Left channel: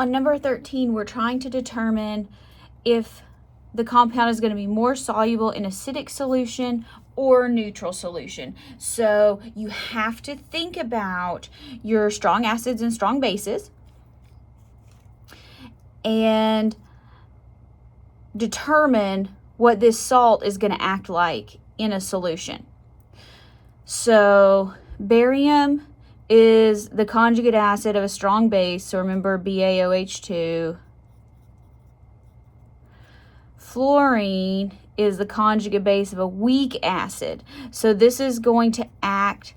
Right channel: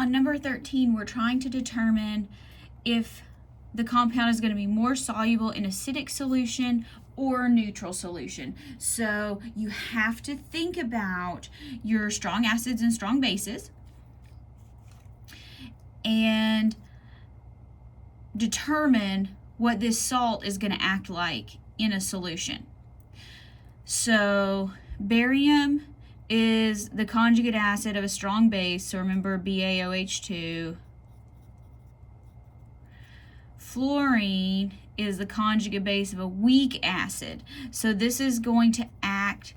On number 13, we're trying to determine if the compound is going to be more soluble in acidic solution or neutral solution. So you have to think about your strong acids and strong bases and determine what this salt is going to act like in a solution. So barium is the conjugate acid of a strong base, so remember BaOH2. Fluorine is the conjugate base of a weak acid, so this is going to act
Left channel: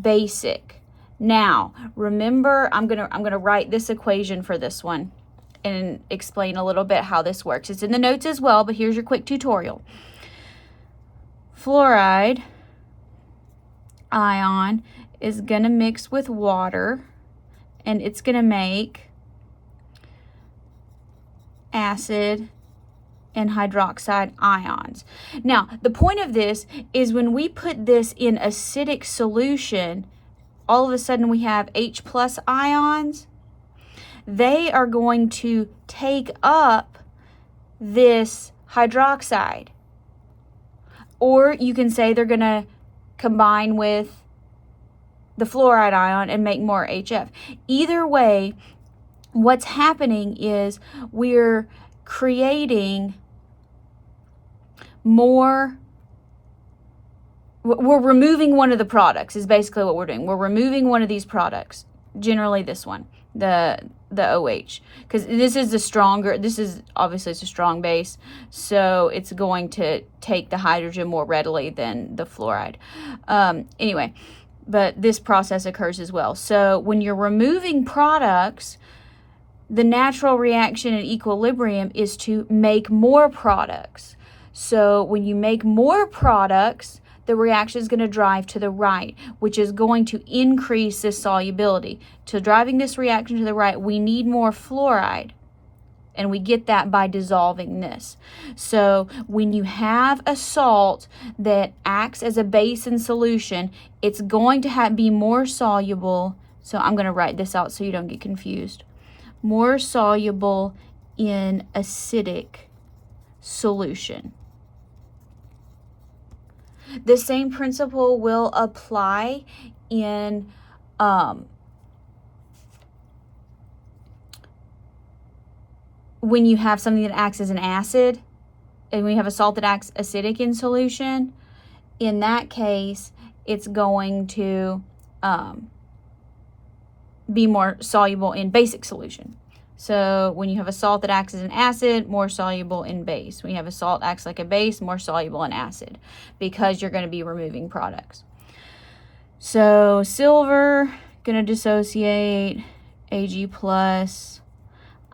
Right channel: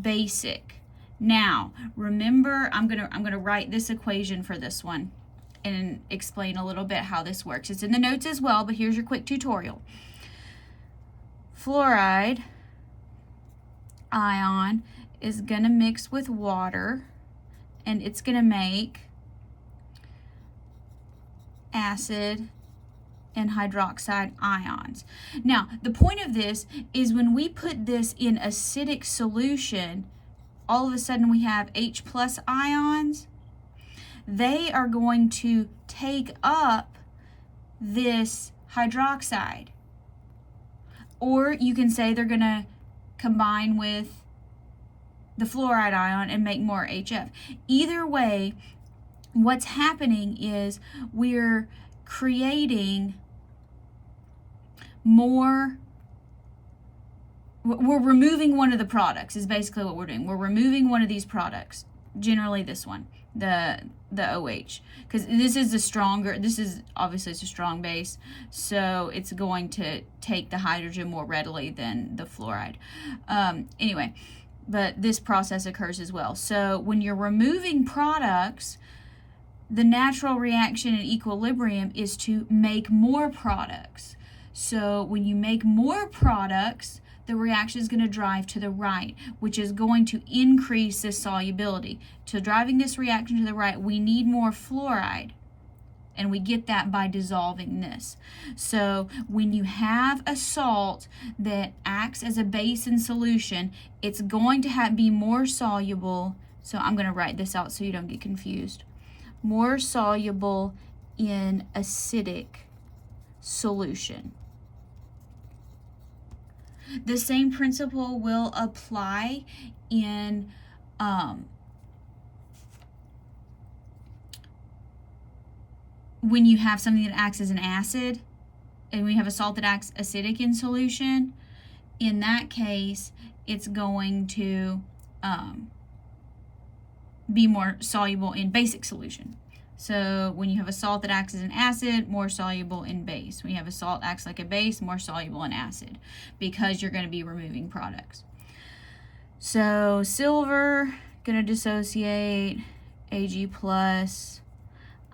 basic. Now, remember, I'm gonna write this equation for this one and explain a little bit how this works. It's in the notes as well, but here's your quick tutorial. Fluoride ion is gonna mix with water and it's gonna make acid and hydroxide ions. Now, the point of this is when we put this in acidic solution, all of a sudden we have H+ ions. They are going to take up this hydroxide. Or you can say they're gonna combine with the fluoride ion and make more HF. Either way, what's happening is we're creating more, we're removing one of the products is basically what we're doing. We're removing one of these products, generally this one, the OH, because this is the stronger, this is obviously it's a strong base, so it's going to take the hydrogen more readily than the fluoride. Anyway, but this process occurs as well. So when you're removing products, the natural reaction in equilibrium is to make more products. So when you make more products, the reaction is going to drive to the right, which is going to increase the solubility. To driving this reaction to the right, we need more fluoride, and we get that by dissolving this. So when you have a salt that acts as a base in solution, it's going to be more soluble. So I'm going to write this out so you don't get confused. More soluble in acidic solution. The same principle will apply in when you have something that acts as an acid, and when you have a salt that acts acidic in solution. In that case, it's going to be more soluble in basic solution. So when you have a salt that acts as an acid, more soluble in base. When you have a salt that acts like a base, more soluble in acid, because you're going to be removing products. So silver, going to dissociate, Ag+,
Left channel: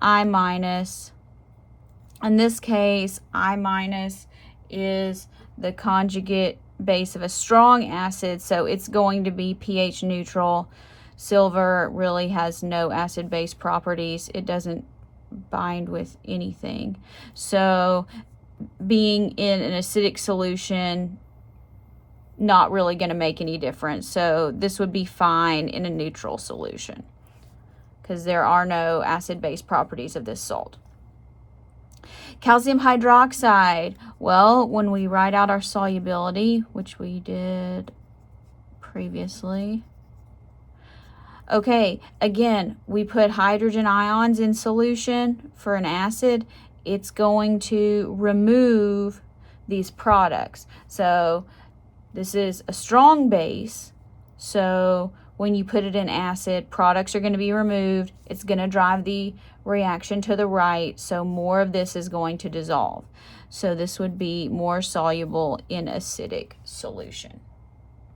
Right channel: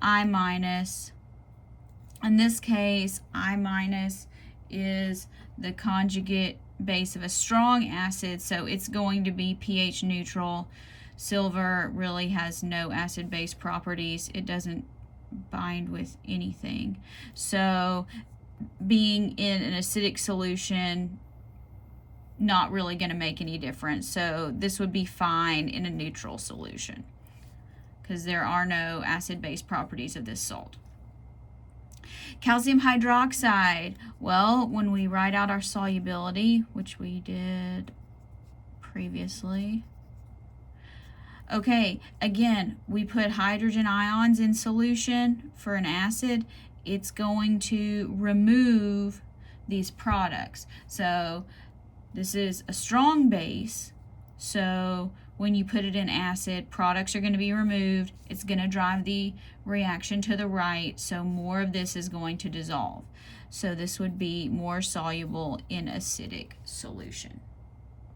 I-. In this case, I- is the conjugate base of a strong acid, so it's going to be pH neutral. Silver really has no acid-base properties. It doesn't bind with anything. So being in an acidic solution, not really going to make any difference. So this would be fine in a neutral solution because there are no acid-base properties of this salt. Calcium hydroxide. Well, when we write out our solubility, which we did previously, okay, again, we put hydrogen ions in solution for an acid. It's going to remove these products. So this is a strong base. So when you put it in acid, products are going to be removed. It's going to drive the reaction to the right. So more of this is going to dissolve. So this would be more soluble in acidic solution.